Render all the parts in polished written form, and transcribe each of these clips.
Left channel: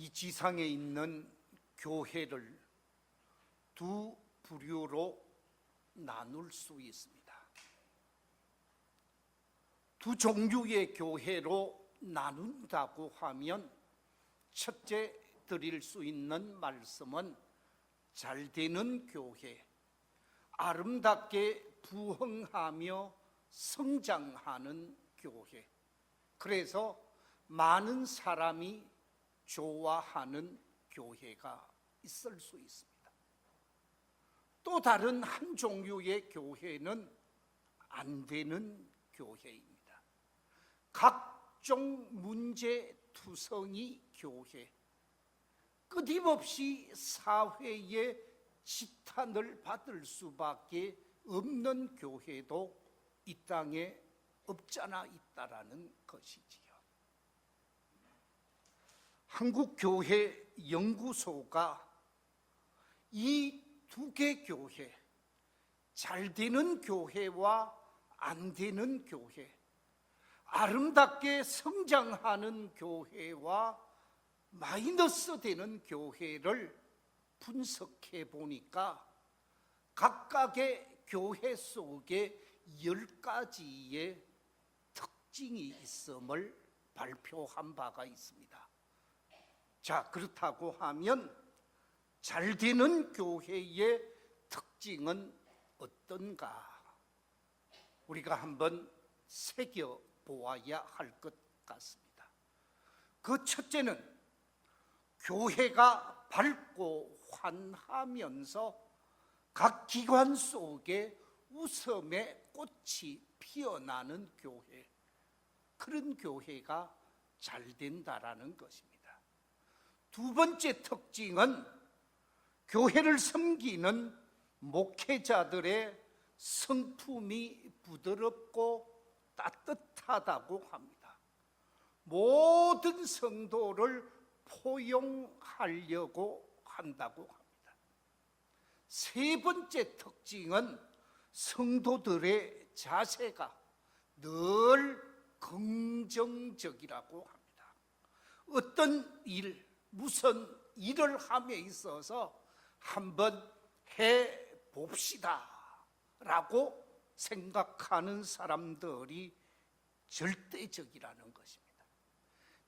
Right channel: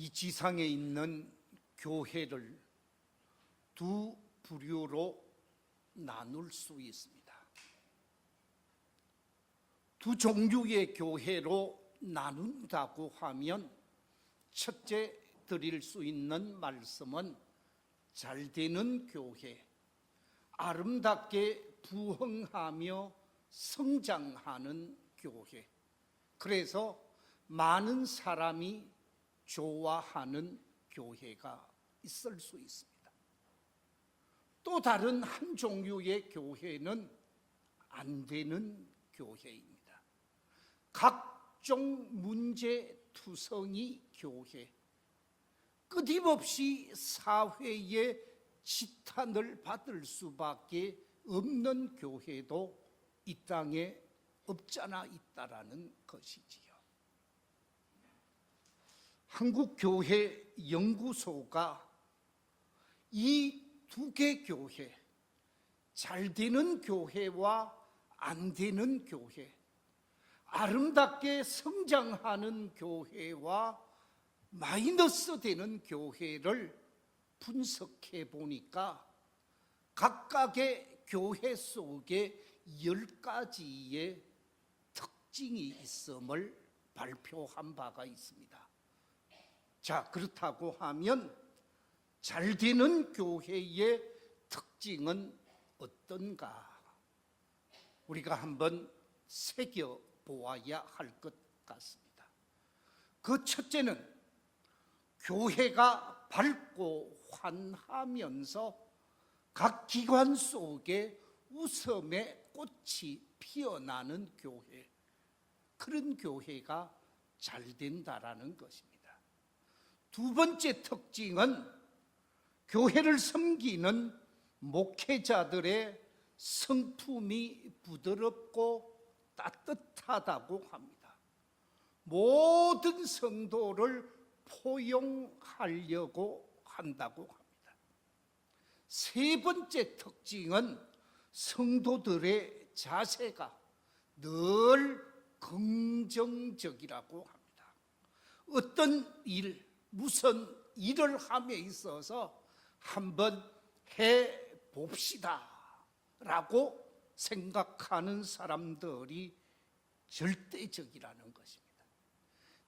이 지상에 있는 교회를 두 부류로 나눌 수 있습니다. 두 종류의 교회로 나눈다고 하면 첫째 드릴 수 있는 말씀은 잘되는 교회, 아름답게 부흥하며 성장하는 교회, 그래서 많은 사람이 좋아하는 교회가 있을 수 있습니다. 또 다른 한 종류의 교회는 안 되는 교회입니다. 각종 문제투성이 교회, 끊임없이 사회의 지탄을 받을 수밖에 없는 교회도 이 땅에 없잖아 있다라는 것이지요. 한국교회연구소가 이 두 개 교회, 잘 되는 교회와 안 되는 교회, 아름답게 성장하는 교회와 마이너스 되는 교회를 분석해 보니까 각각의 교회 속에 10가지의 특징이 있음을 발표한 바가 있습니다. 자, 그렇다고 하면 잘 되는 교회의 특징은 어떤가? 우리가 한번 새겨보아야 할 것 같습니다. 그 첫째는 교회가 밝고 환하면서 각 기관 속에 웃음의 꽃이 피어나는 교회, 그런 교회가 잘 된다라는 것입니다. 두 번째 특징은 교회를 섬기는 목회자들의 성품이 부드럽고 따뜻하다고 합니다. 모든 성도를 포용하려고 한다고 합니다. 세 번째 특징은 성도들의 자세가 늘 긍정적이라고 합니다. 어떤 일, 무슨 일을 함에 있어서 한번 해봅시다 라고 생각하는 사람들이 절대적이라는 것입니다.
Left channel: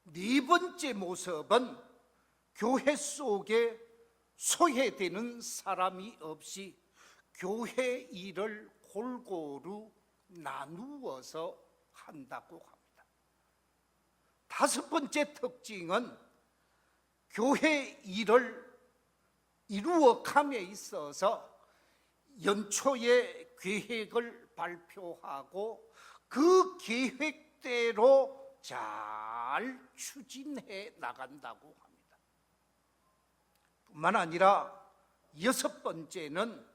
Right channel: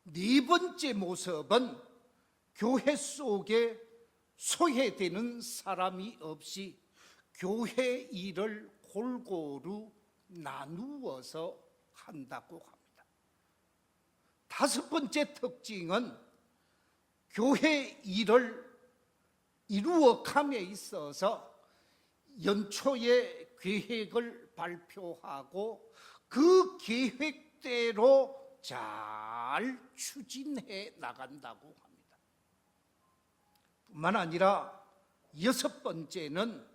네 번째 모습은 교회 속에 소외되는 사람이 없이 교회 일을 골고루 나누어서 한다고 합니다. 다섯 번째 특징은 교회 일을 이루어감에 있어서 연초에 계획을 발표하고 그 계획대로 잘 추진해 나간다고 합니다. 뿐만 아니라 여섯 번째는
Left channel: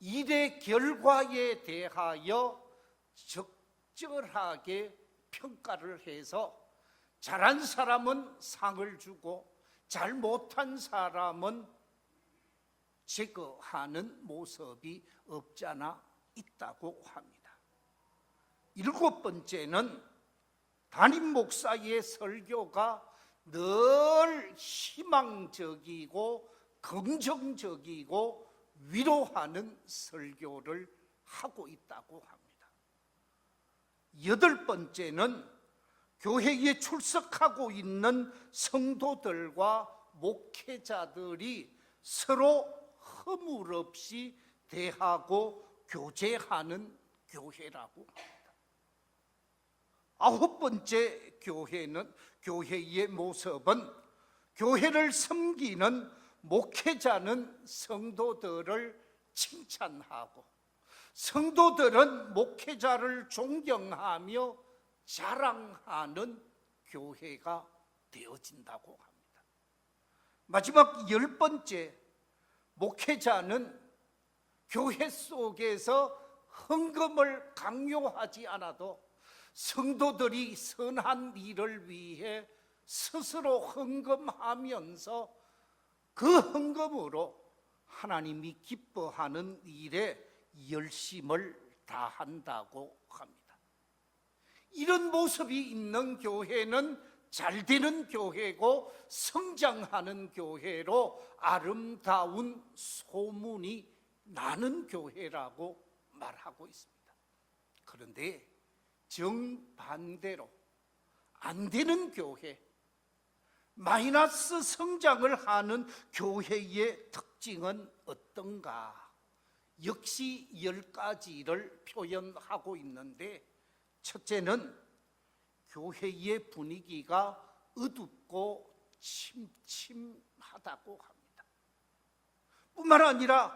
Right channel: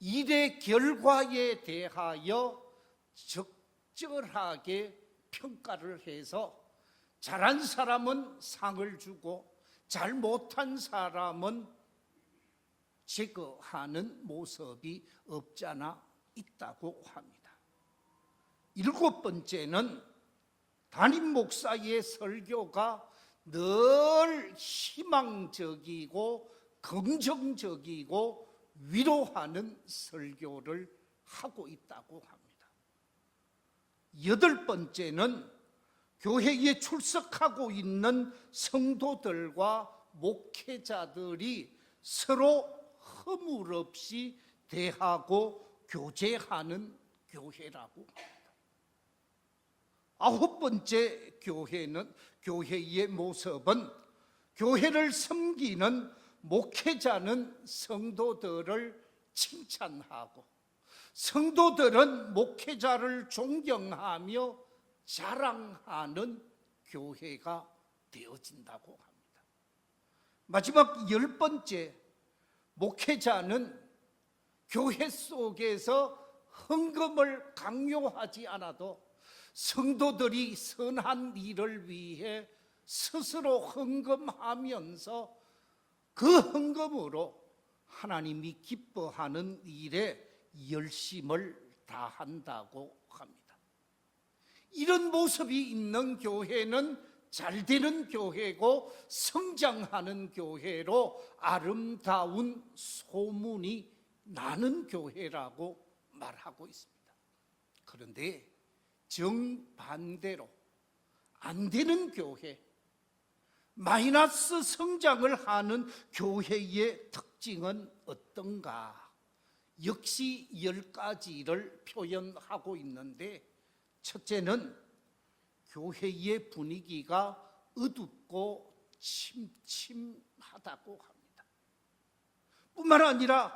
일의 결과에 대하여 적절하게 평가를 해서 잘한 사람은 상을 주고 잘 못한 사람은 제거하는 모습이 없잖아 있다고 합니다. 일곱 번째는 담임 목사의 설교가 늘 희망적이고 긍정적이고 위로하는 설교를 하고 있다고 합니다. 여덟 번째는 교회에 출석하고 있는 성도들과 목회자들이 서로 허물없이 대하고 교제하는 교회라고 합니다. 아홉 번째 교회의 모습은 교회를 섬기는 목회자는 성도들을 칭찬하고 성도들은 목회자를 존경하며 자랑하는 교회가 되어진다고 합니다. 마지막 열 번째, 목회자는 교회 속에서 헌금을 강요하지 않아도 성도들이 선한 일을 위해 스스로 헌금하면서 그 헌금으로 하나님이 기뻐하는 일에 열심을 다한다고 합니다. 이런 모습이 있는 교회는 잘 되는 교회고 성장하는 교회로 아름다운 소문이 나는 교회라고 말하고 있습니다. 그런데 정반대로 안 되는 교회, 마이너스 성장을 하는 교회의 특징은 어떤가? 역시 10가지를 표현하고 있는데, 첫째는 교회의 분위기가 어둡고 침침하다고 합니다. 뿐만 아니라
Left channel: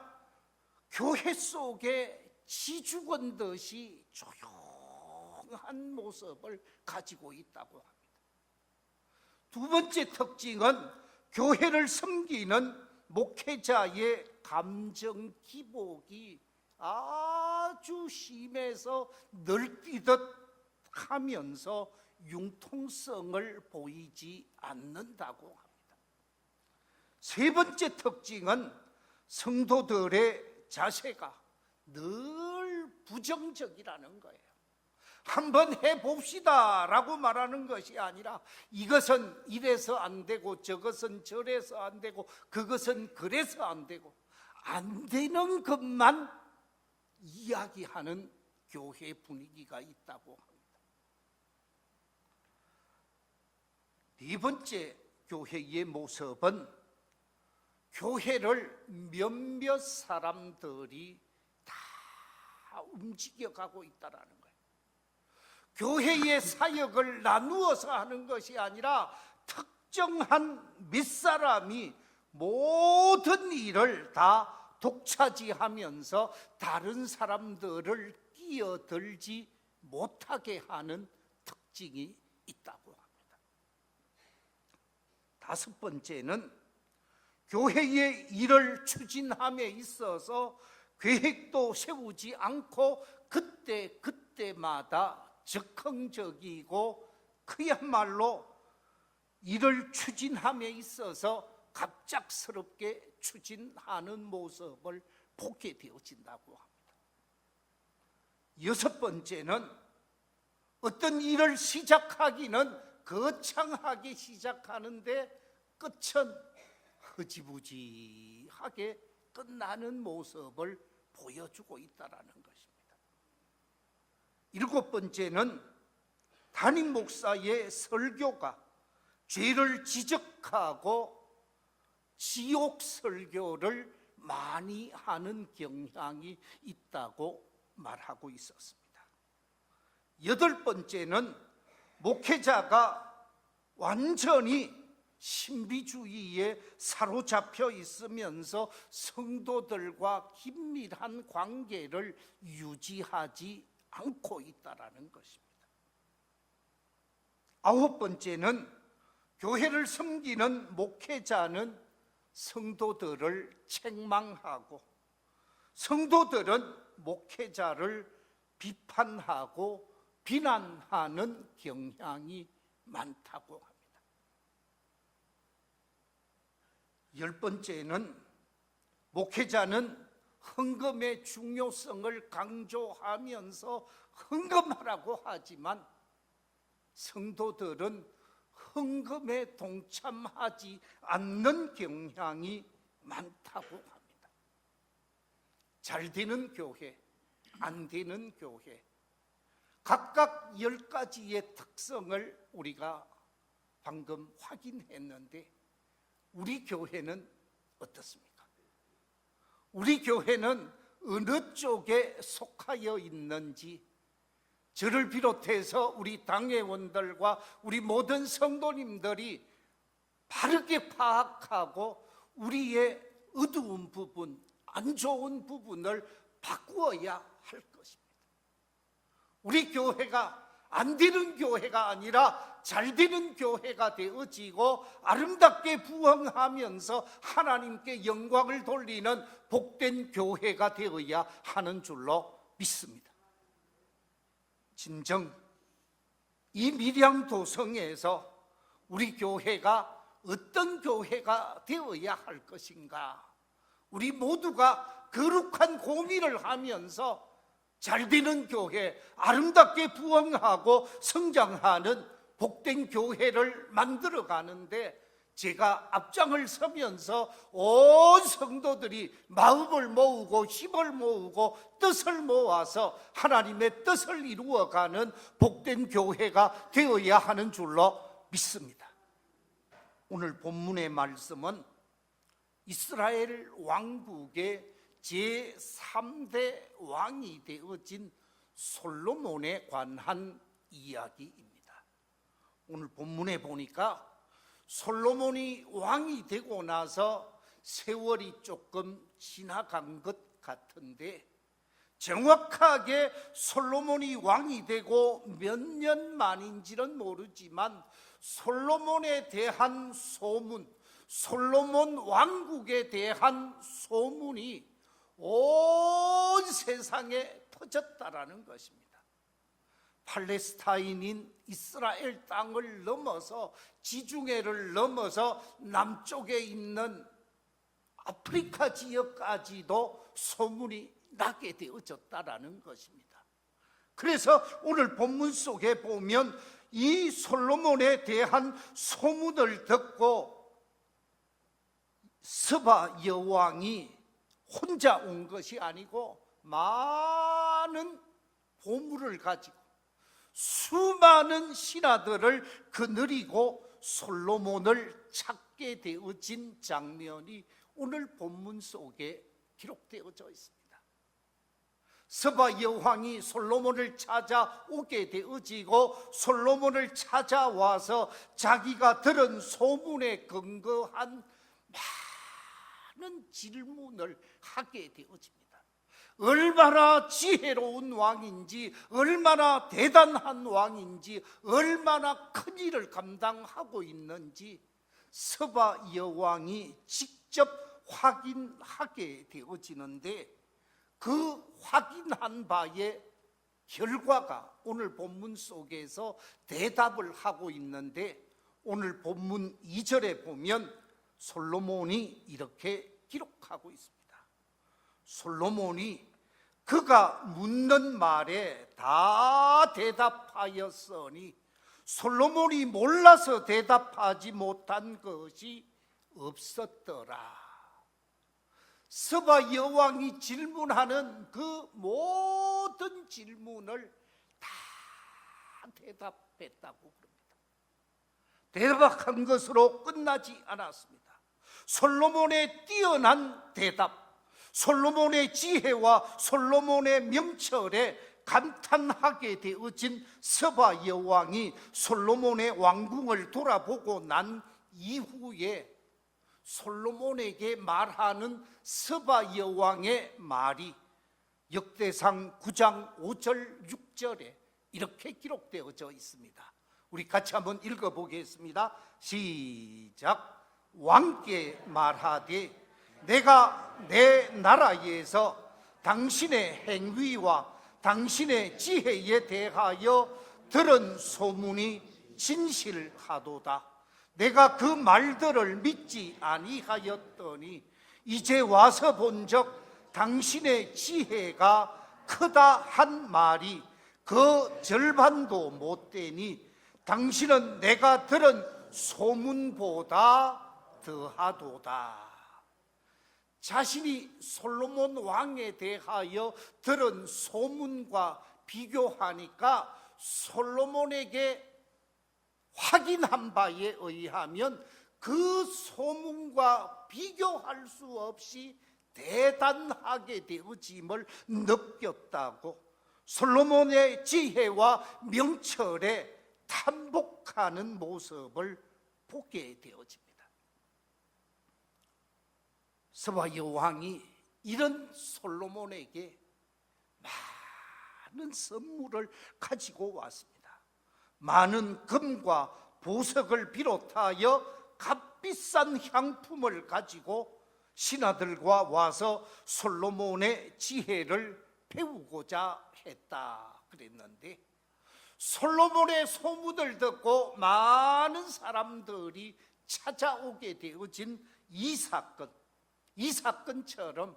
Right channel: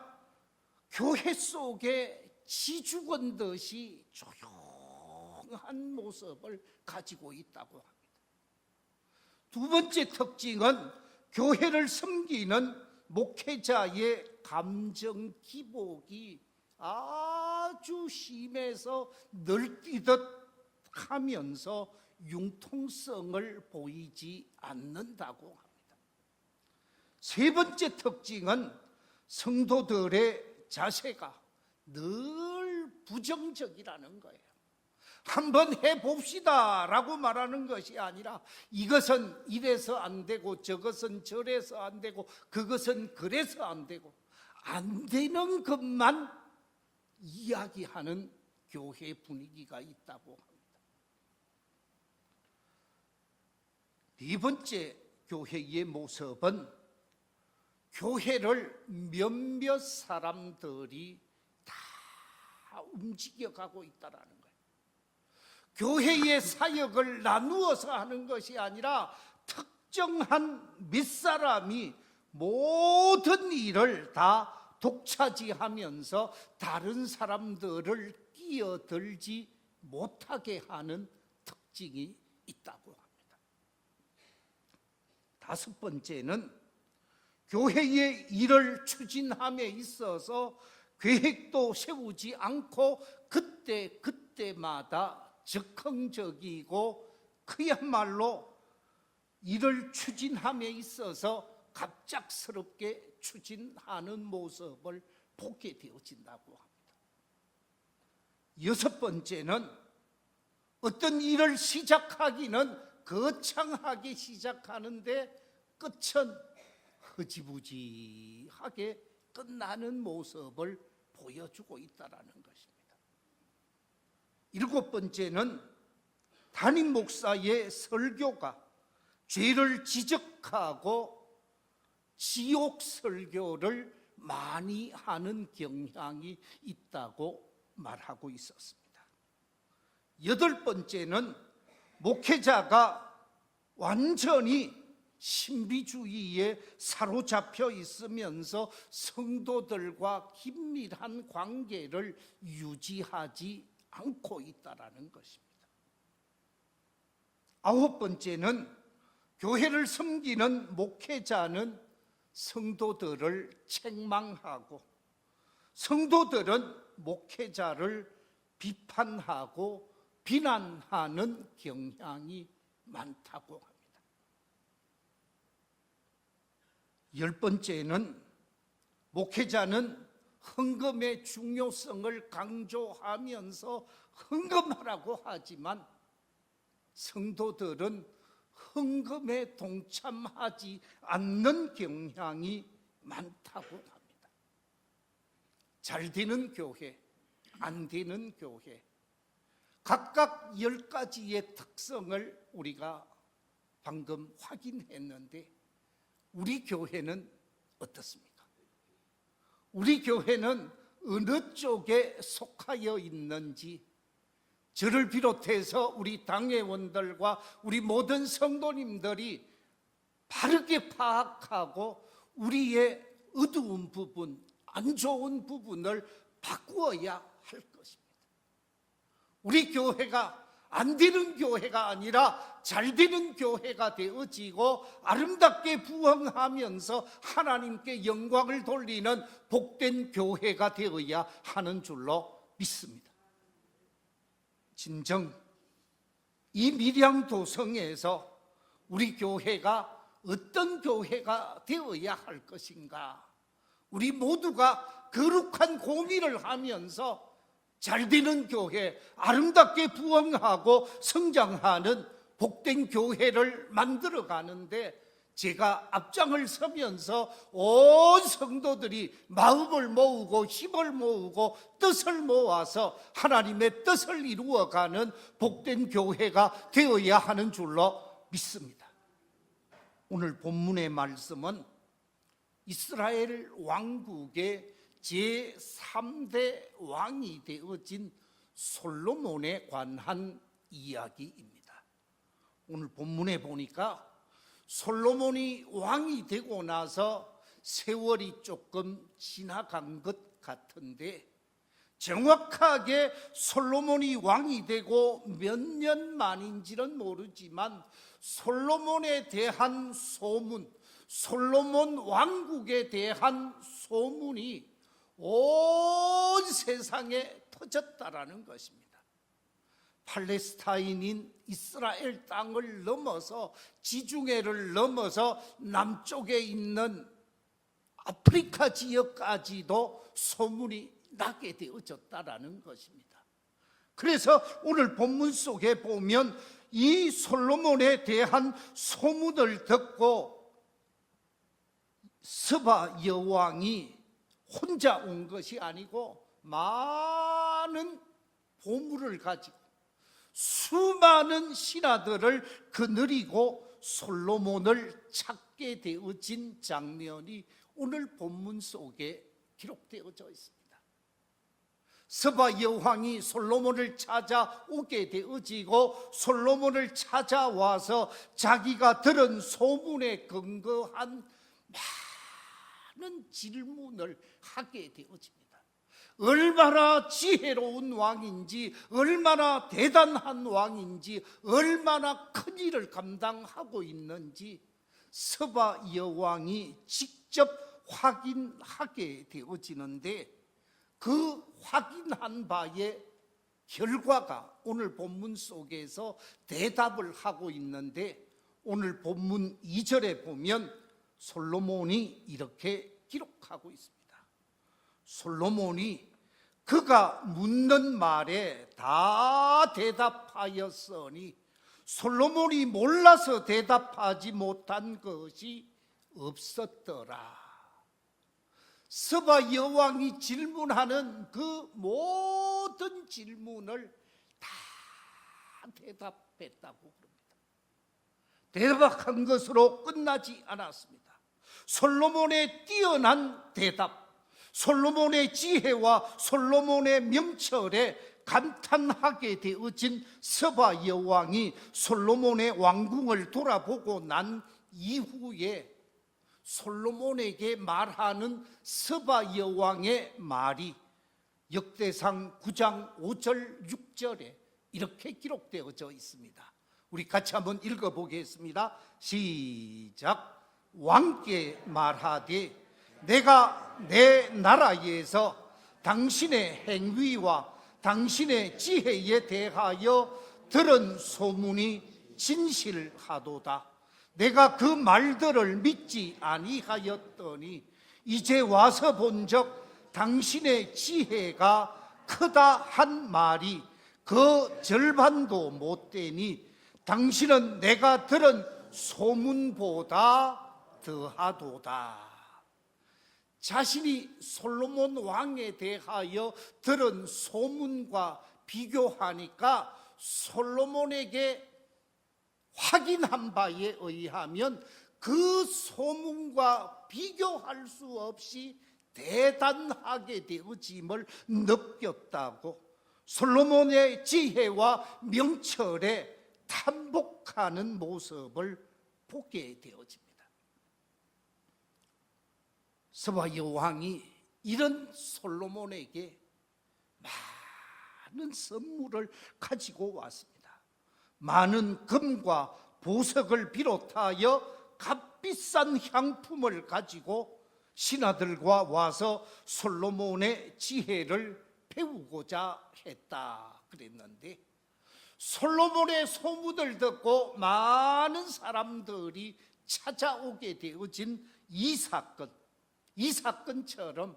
교회 속에 지죽은 듯이 조용한 모습을 가지고 있다고 합니다. 두 번째 특징은 교회를 섬기는 목회자의 감정 기복이 아주 심해서 널뛰듯 하면서 융통성을 보이지 않는다고 합니다. 세 번째 특징은 성도들의 자세가 늘 부정적이라는 거예요. 한번 해봅시다 라고 말하는 것이 아니라 이것은 이래서 안 되고 저것은 저래서 안 되고 그것은 그래서 안 되고 안 되는 것만 이야기하는 교회 분위기가 있다고 합니다. 네 번째 교회의 모습은 교회를 몇몇 사람들이 다 움직여가고 있다는 거예요. 교회의 사역을 나누어서 하는 것이 아니라 특정한 몇 사람이 모든 일을 다 독차지하면서 다른 사람들을 끼어들지 못하게 하는 특징이 있다고 합니다. 다섯 번째는 교회의 일을 추진함에 있어서 계획도 세우지 않고 그때마다 즉흥적이고 그야말로 일을 추진함에 있어서 갑작스럽게 추진하는 모습을 보게 되어진다고 합니다. 여섯 번째는 어떤 일을 시작하기는 거창하게 시작하는데 끝은 흐지부지하게 끝나는 모습을 보여주고 있다는 것입니다. 일곱 번째는 담임 목사의 설교가 죄를 지적하고 지옥 설교를 많이 하는 경향이 있다고 말하고 있었습니다. 여덟 번째는 목회자가 완전히 신비주의에 사로잡혀 있으면서 성도들과 긴밀한 관계를 유지하지 않고 있다는 것입니다. 아홉 번째는 교회를 섬기는 목회자는 성도들을 책망하고 성도들은 목회자를 비판하고 비난하는 경향이 많다고 합니다. 열 번째는 목회자는 헌금의 중요성을 강조하면서 헌금하라고 하지만 성도들은 헌금에 동참하지 않는 경향이 많다고 합니다. 잘 되는 교회, 안 되는 교회, 각각 10가지의 특성을 우리가 방금 확인했는데 우리 교회는 어떻습니까? 우리 교회는 어느 쪽에 속하여 있는지 저를 비롯해서 우리 당회원들과 우리 모든 성도님들이 바르게 파악하고 우리의 어두운 부분, 안 좋은 부분을 바꾸어야 할 것입니다. 우리 교회가 안 되는 교회가 아니라 잘 되는 교회가 되어지고 아름답게 부흥하면서 하나님께 영광을 돌리는 복된 교회가 되어야 하는 줄로 믿습니다. 진정 이 밀양도성에서 우리 교회가 어떤 교회가 되어야 할 것인가, 우리 모두가 거룩한 고민을 하면서 잘 되는 교회, 아름답게 부흥하고 성장하는 복된 교회를 만들어 가는데 제가 앞장을 서면서 온 성도들이 마음을 모으고 힘을 모으고 뜻을 모아서 하나님의 뜻을 이루어가는 복된 교회가 되어야 하는 줄로 믿습니다. 오늘 본문의 말씀은 이스라엘 왕국의 제3대 왕이 되어진 솔로몬에 관한 이야기입니다. 오늘 본문에 보니까 솔로몬이 왕이 되고 나서 세월이 조금 지나간 것 같은데 정확하게 솔로몬이 왕이 되고 몇 년 만인지는 모르지만 솔로몬에 대한 소문, 솔로몬 왕국에 대한 소문이 온 세상에 터졌다라는 것입니다. 팔레스타인인 이스라엘 땅을 넘어서 지중해를 넘어서 남쪽에 있는 아프리카 지역까지도 소문이 나게 되어졌다라는 것입니다. 그래서 오늘 본문 속에 보면 이 솔로몬에 대한 소문을 듣고 스바 여왕이 혼자 온 것이 아니고 많은 보물을 가지고 수많은 신하들을 거느리고 솔로몬을 찾게 되어진 장면이 오늘 본문 속에 기록되어져 있습니다. 스바 여왕이 솔로몬을 찾아오게 되어지고 솔로몬을 찾아와서 자기가 들은 소문에 근거한 많은 질문을 하게 되어집니다. 얼마나 지혜로운 왕인지, 얼마나 대단한 왕인지, 얼마나 큰 일을 감당하고 있는지 스바 여왕이 직접 확인하게 되어지는데 그 확인한 바의 결과가 오늘 본문 속에서 대답을 하고 있는데 오늘 본문 2절에 보면 솔로몬이 이렇게 기록하고 있습니다. 솔로몬이 그가 묻는 말에 다 대답하였으니 솔로몬이 몰라서 대답하지 못한 것이 없었더라. 스바 여왕이 질문하는 그 모든 질문을 다 대답했다고 그럽니다. 대답한 것으로 끝나지 않았습니다. 솔로몬의 뛰어난 대답, 솔로몬의 지혜와 솔로몬의 명철에 감탄하게 되어진 스바 여왕이 솔로몬의 왕궁을 돌아보고 난 이후에 솔로몬에게 말하는 스바 여왕의 말이 역대상 9장 5절 6절에 이렇게 기록되어져 있습니다. 우리 같이 한번 읽어보겠습니다. 시작. 왕께 말하되 내가 내 나라에서 당신의 행위와 당신의 지혜에 대하여 들은 소문이 진실하도다. 내가 그 말들을 믿지 아니하였더니 이제 와서 본즉 당신의 지혜가 크다 한 말이 그 절반도 못 되니 당신은 내가 들은 소문보다 더하도다. 자신이 솔로몬 왕에 대하여 들은 소문과 비교하니까 솔로몬에게 확인한 바에 의하면 그 소문과 비교할 수 없이 대단하게 되어짐을 느꼈다고 솔로몬의 지혜와 명철에 탐복하는 모습을 보게 되어집니다. 스바 여왕이 이런 솔로몬에게 많은 선물을 가지고 왔습니다. 많은 금과 보석을 비롯하여 값비싼 향품을 가지고 신하들과 와서 솔로몬의 지혜를 배우고자 했다 그랬는데 솔로몬의 소문을 듣고 많은 사람들이 찾아오게 되어진 이 사건처럼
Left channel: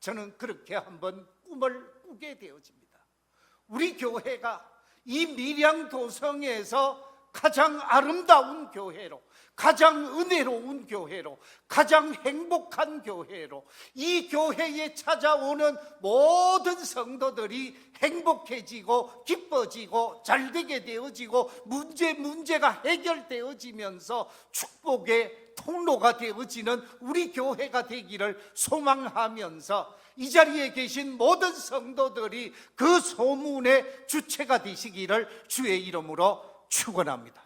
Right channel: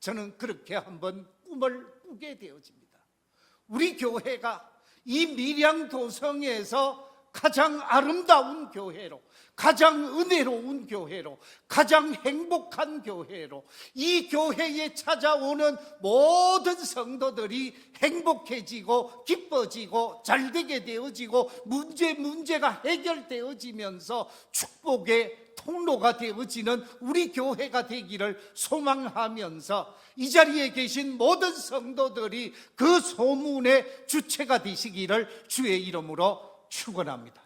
저는 그렇게 한번 꿈을 꾸게 되어집니다. 우리 교회가 이 밀양도성에서 가장 아름다운 교회로, 가장 은혜로운 교회로, 가장 행복한 교회로, 이 교회에 찾아오는 모든 성도들이 행복해지고 기뻐지고 잘되게 되어지고 문제가 해결되어지면서 축복의 통로가 되어지는 우리 교회가 되기를 소망하면서 이 자리에 계신 모든 성도들이 그 소문의 주체가 되시기를 주의 이름으로 축원합니다.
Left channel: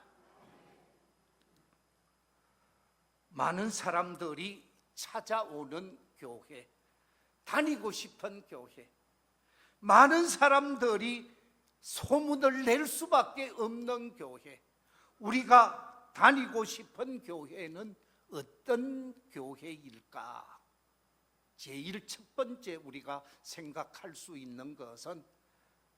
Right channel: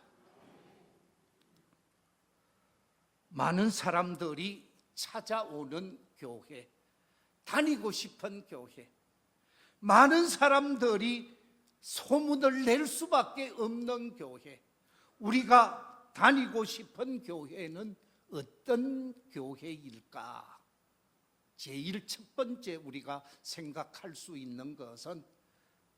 많은 사람들이 찾아오는 교회, 다니고 싶은 교회, 많은 사람들이 소문을 낼 수밖에 없는 교회, 우리가 다니고 싶은 교회는 어떤 교회일까? 제일 첫 번째 우리가 생각할 수 있는 것은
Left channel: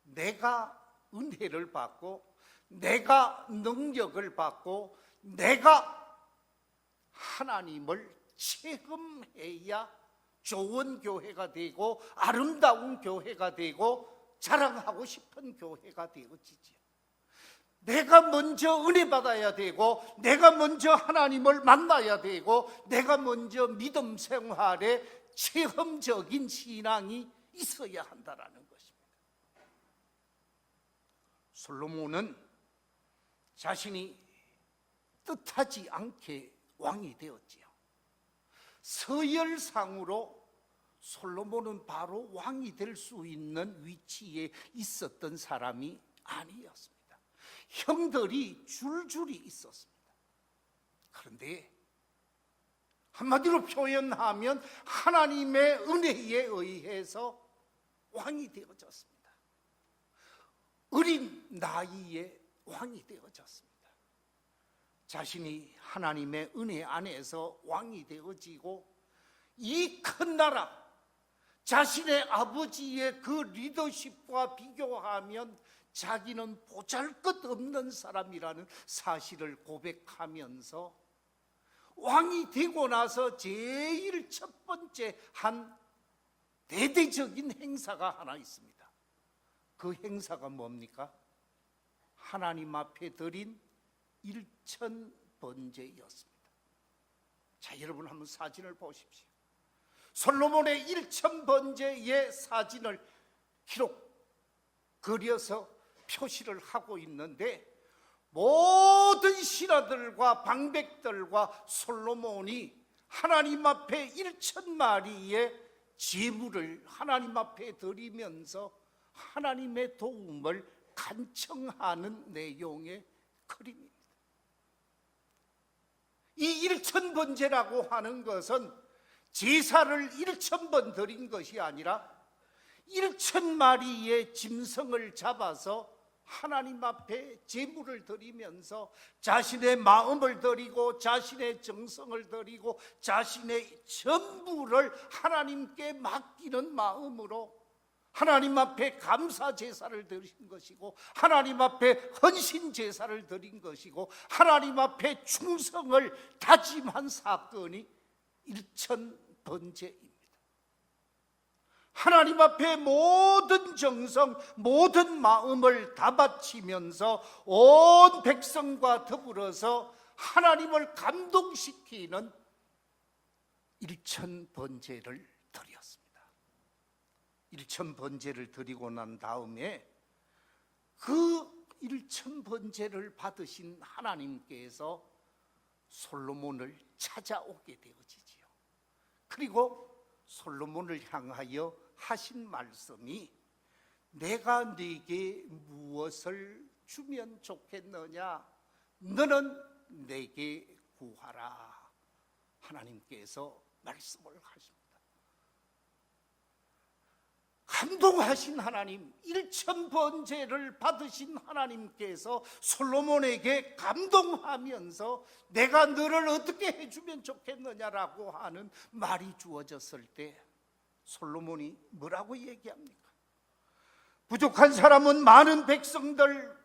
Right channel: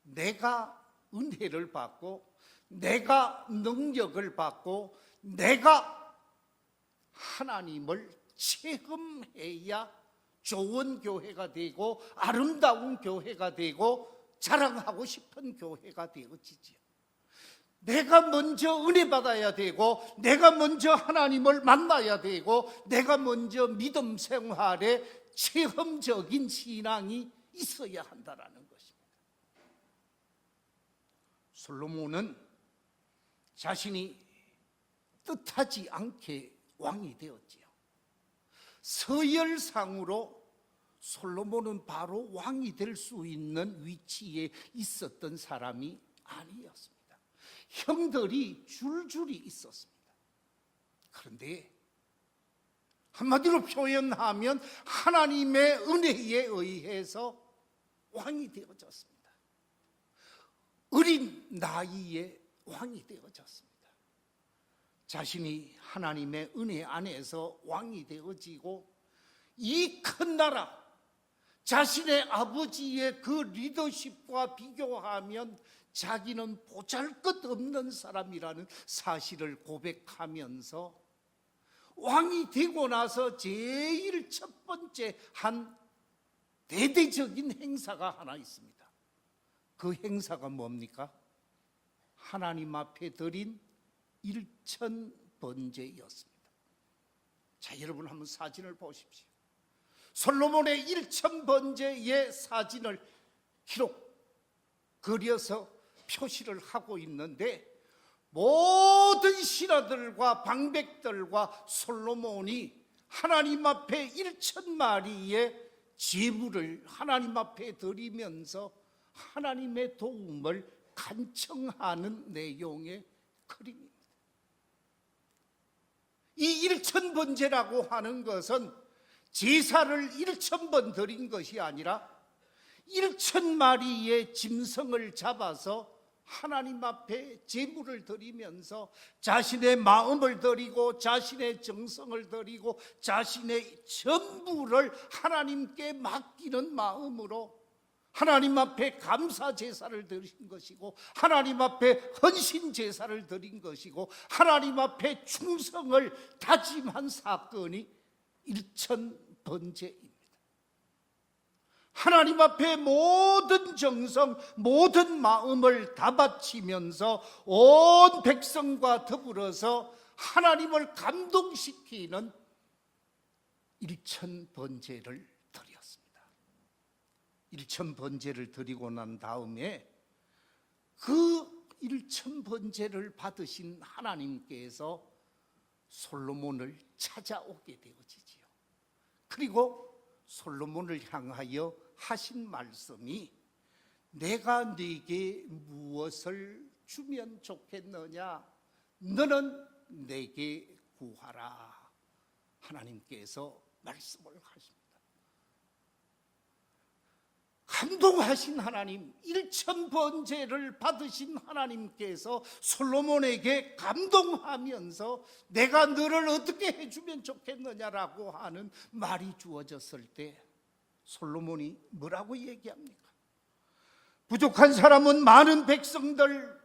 내가 은혜를 받고 내가 능력을 받고 내가 하나님을 체험해야 좋은 교회가 되고 아름다운 교회가 되고 자랑하고 싶은 교회가 되어지지요. 내가 먼저 은혜 받아야 되고 내가 먼저 하나님을 만나야 되고 내가 먼저 믿음 생활에 체험적인 신앙이 있어야 한다라는 것입니다. 솔로몬은 자신이 뜻하지 않게 왕이 되었지요. 서열상으로 솔로몬은 바로 왕이 될 수 있는 위치에 있었던 사람이 아니었습니다. 형들이 줄줄이 있었습니다. 그런데 한마디로 표현하면 하나님의 은혜에 의해서 왕이 되어졌습니다. 어린 나이에 왕이 되어졌습니다. 자신이 하나님의 은혜 안에서 왕이 되어지고 이 큰 나라, 자신의 아버지의 그 리더십과 비교하면 자기는 보잘것없는 사람이라는 사실을 고백하면서 왕이 되고 나서 제일 첫 번째 한 대대적인 행사가 하나 있습니다. 그 행사가 뭡니까? 하나님 앞에 드린 일천번제였습니다. 자, 여러분 한번 사진을 보십시오. 솔로몬의 일천번제의 사진을 그려서 표시를 하고 있는데 모든 신하들과 방백들과 솔로몬이 하나님 앞에 1,000마리의 제물을 하나님 앞에 드리면서 하나님의 도움을 간청하는 내용의 그림입니다. 이 1,000번제라고 하는 것은 제사를 1,000번 드린 것이 아니라 1,000마리의 짐승을 잡아서 하나님 앞에 제물을 드리면서 자신의 마음을 드리고 자신의 정성을 드리고 자신의 전부를 하나님께 맡기는 마음으로 하나님 앞에 감사 제사를 드린 것이고 하나님 앞에 헌신 제사를 드린 것이고 하나님 앞에 충성을 다짐한 사건이 일천번제입니다. 하나님 앞에 모든 정성, 모든 마음을 다 바치면서 온 백성과 더불어서 하나님을 감동시키는 일천번제를 드렸습니다. 일천번제를 드리고 난 다음에 그 일천번제를 받으신 하나님께서 솔로몬을 찾아오게 되어지지요. 그리고 솔로몬을 향하여 하신 말씀이 내가 네게 무엇을 주면 좋겠느냐? 너는 내게 구하라. 하나님께서 말씀을 하십니다. 감동하신 하나님, 일천번제를 받으신 하나님께서 솔로몬에게 감동하면서 내가 너를 어떻게 해주면 좋겠느냐라고 하는 말이 주어졌을 때 솔로몬이 뭐라고 얘기합니까? 부족한 사람은 많은 백성들,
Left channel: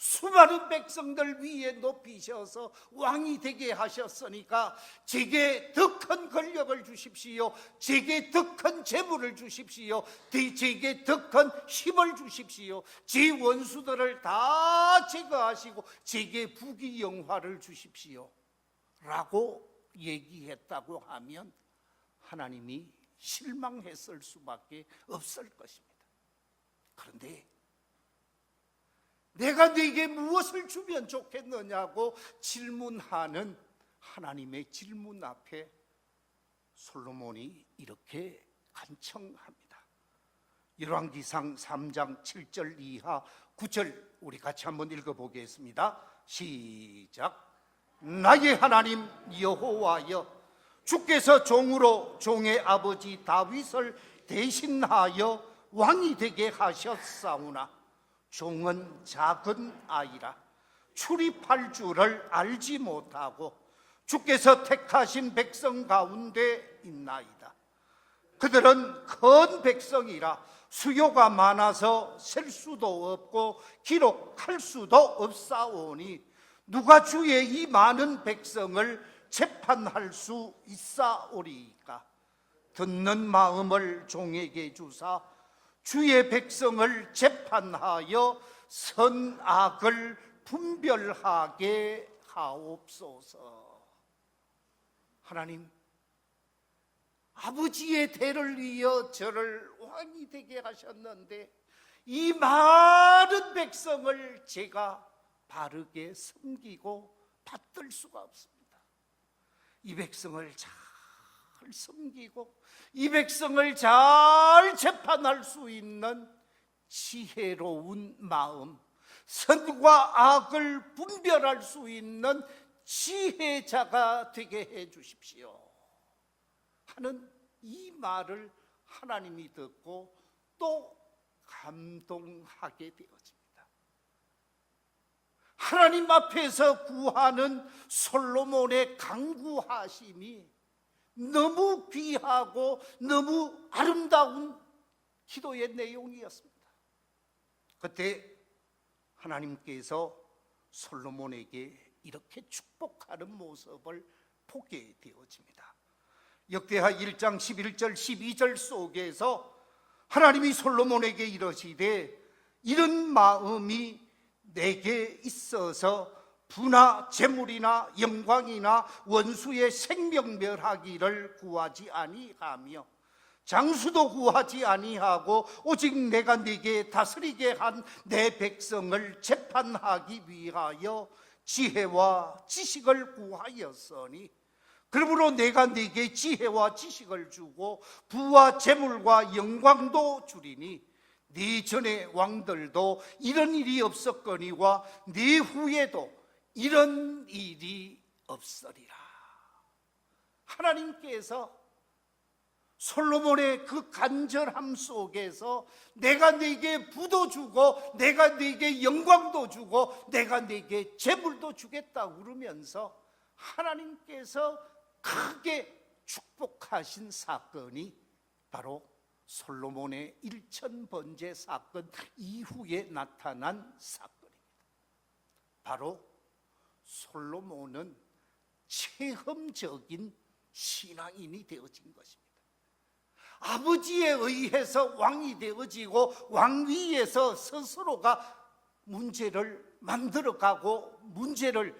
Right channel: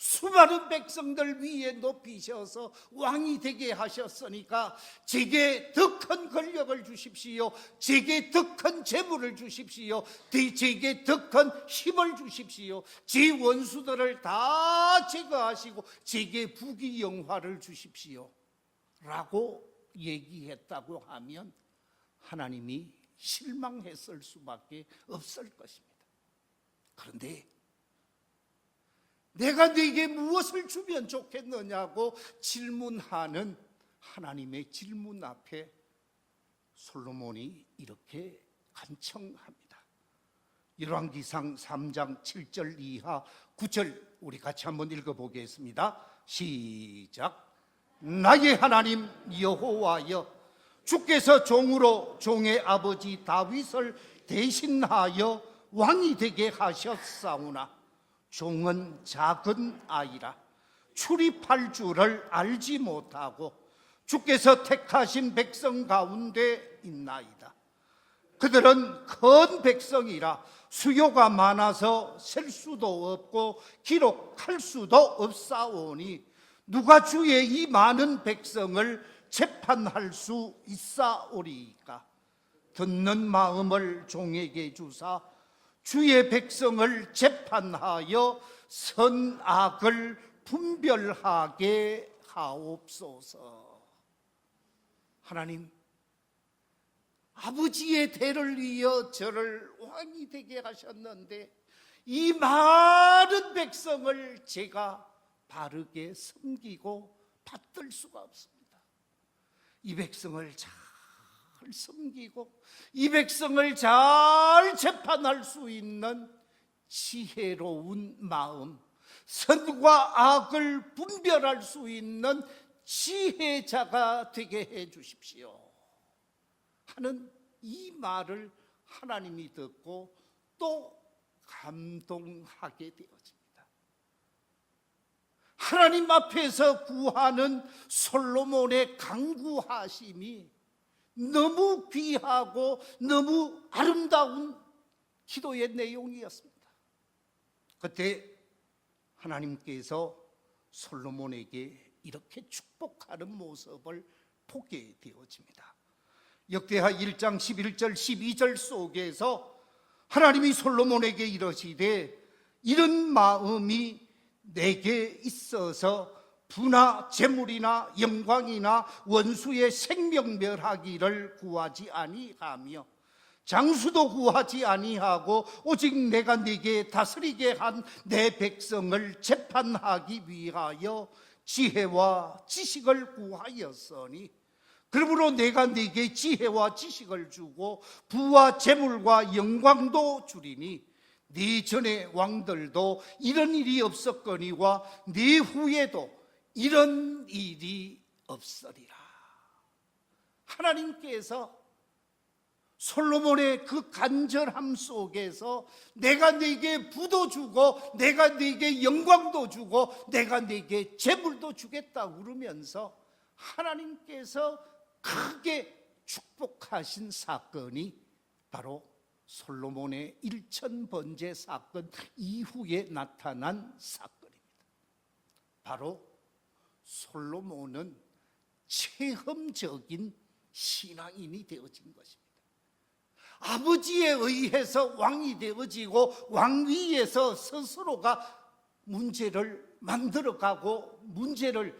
수많은 백성들 위에 높이셔서 왕이 되게 하셨으니까 제게 더 큰 권력을 주십시오. 제게 더 큰 재물을 주십시오. 제게 더 큰 힘을 주십시오. 제 원수들을 다 제거하시고 제게 부귀영화를 주십시오 라고 얘기했다고 하면 하나님이 실망했을 수밖에 없을 것입니다. 그런데 내가 네게 무엇을 주면 좋겠느냐고 질문하는 하나님의 질문 앞에 솔로몬이 이렇게 간청합니다. 열왕기상 3장 7절 이하 9절 우리 같이 한번 읽어보겠습니다. 시작. 나의 하나님 여호와여, 주께서 종으로 종의 아버지 다윗을 대신하여 왕이 되게 하셨사오나 종은 작은 아이라 출입할 줄을 알지 못하고 주께서 택하신 백성 가운데 있나이다. 그들은 큰 백성이라 수요가 많아서 셀 수도 없고 기록할 수도 없사오니 누가 주의 이 많은 백성을 재판할 수 있사오리이까. 듣는 마음을 종에게 주사 주의 백성을 재판하여 선악을 분별하게 하옵소서. 하나님, 아버지의 대를 이어 저를 왕이 되게 하셨는데 이 많은 백성을 제가 바르게 섬기고 받들 수가 없습니다. 이 백성을 잘 섬기고 이 백성을 잘 재판할 수 있는 지혜로운 마음, 선과 악을 분별할 수 있는 지혜자가 되게 해 주십시오 하는 이 말을 하나님이 듣고 또 감동하게 되어집니다. 하나님 앞에서 구하는 솔로몬의 간구하심이 너무 귀하고 너무 아름다운 기도의 내용이었습니다. 그때 하나님께서 솔로몬에게 이렇게 축복하는 모습을 보게 되어집니다. 역대하 1장 11절 12절 속에서 하나님이 솔로몬에게 이러시되 이런 마음이 내게 있어서 부나 재물이나 영광이나 원수의 생명멸하기를 구하지 아니하며 장수도 구하지 아니하고 오직 내가 네게 다스리게 한 내 백성을 재판하기 위하여 지혜와 지식을 구하였으니 그러므로 내가 네게 지혜와 지식을 주고 부와 재물과 영광도 주리니 네 전에 왕들도 이런 일이 없었거니와 네 후에도 이런 일이 없으리라. 하나님께서 솔로몬의 그 간절함 속에서 내가 네게 부도 주고 내가 네게 영광도 주고 내가 네게 재물도 주겠다 그러면서 하나님께서 크게 축복하신 사건이 바로 솔로몬의 일천번제 사건 이후에 나타난 사건입니다. 바로 솔로몬은 체험적인 신앙인이 되어진 것입니다. 아버지에 의해서 왕이 되어지고 왕위에서 스스로가 문제를 만들어가고 문제를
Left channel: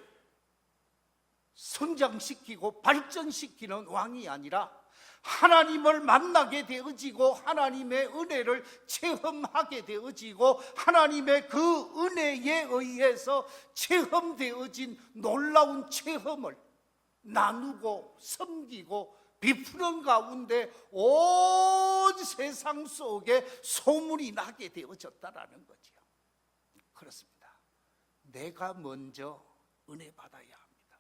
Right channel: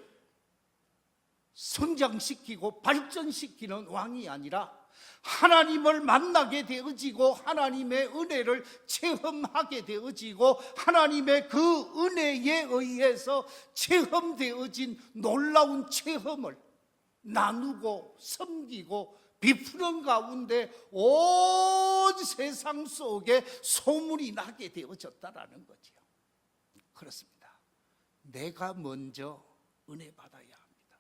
성장시키고 발전시키는 왕이 아니라 하나님을 만나게 되어지고 하나님의 은혜를 체험하게 되어지고 하나님의 그 은혜에 의해서 체험되어진 놀라운 체험을 나누고 섬기고 비푸는 가운데 온 세상 속에 소문이 나게 되어졌다라는 거죠. 그렇습니다. 내가 먼저 은혜 받아야 합니다.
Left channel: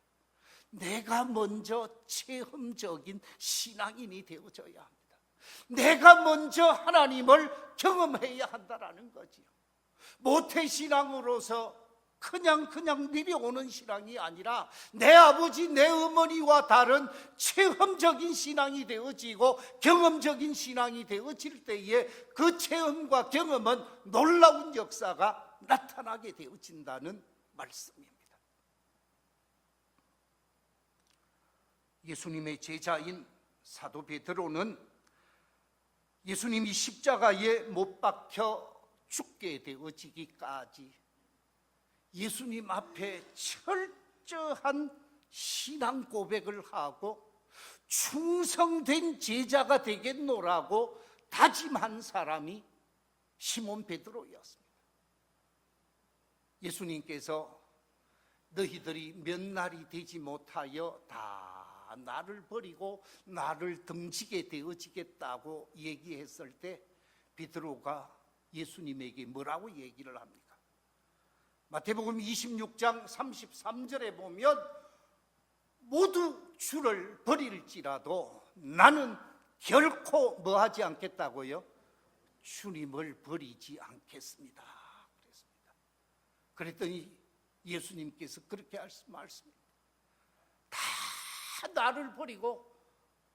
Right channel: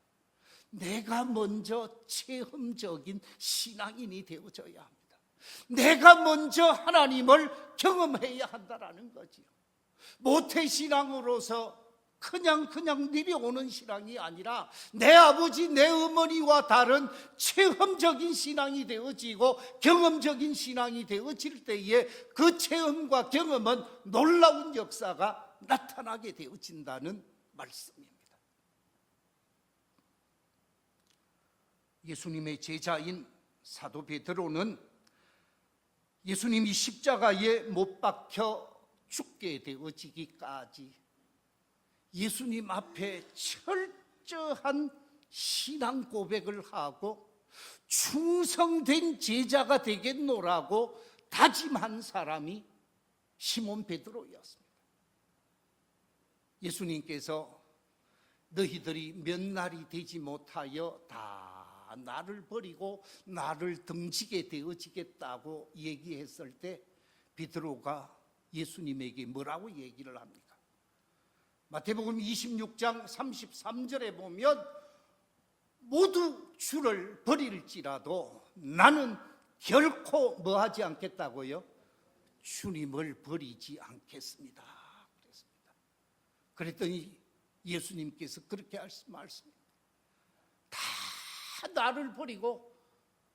내가 먼저 체험적인 신앙인이 되어져야 합니다. 내가 먼저 하나님을 경험해야 한다라는 거죠. 모태신앙으로서 그냥 내려오는 신앙이 아니라 내 아버지 내 어머니와 다른 체험적인 신앙이 되어지고 경험적인 신앙이 되어질 때에 그 체험과 경험은 놀라운 역사가 나타나게 되어진다는 말씀입니다. 예수님의 제자인 사도 베드로는 예수님이 십자가에 못 박혀 죽게 되어지기까지 예수님 앞에 철저한 신앙 고백을 하고 충성된 제자가 되겠노라고 다짐한 사람이 시몬 베드로였습니다. 예수님께서 너희들이 몇 날이 되지 못하여 다 나를 버리고 나를 등지게 되어지겠다고 얘기했을 때 베드로가 예수님에게 뭐라고 얘기를 합니까? 마태복음 26장 33절에 보면 모두 주를 버릴지라도 나는 결코 뭐하지 않겠다고요? 주님을 버리지 않겠습니다. 그랬더니 예수님께서 그렇게 말씀합니다.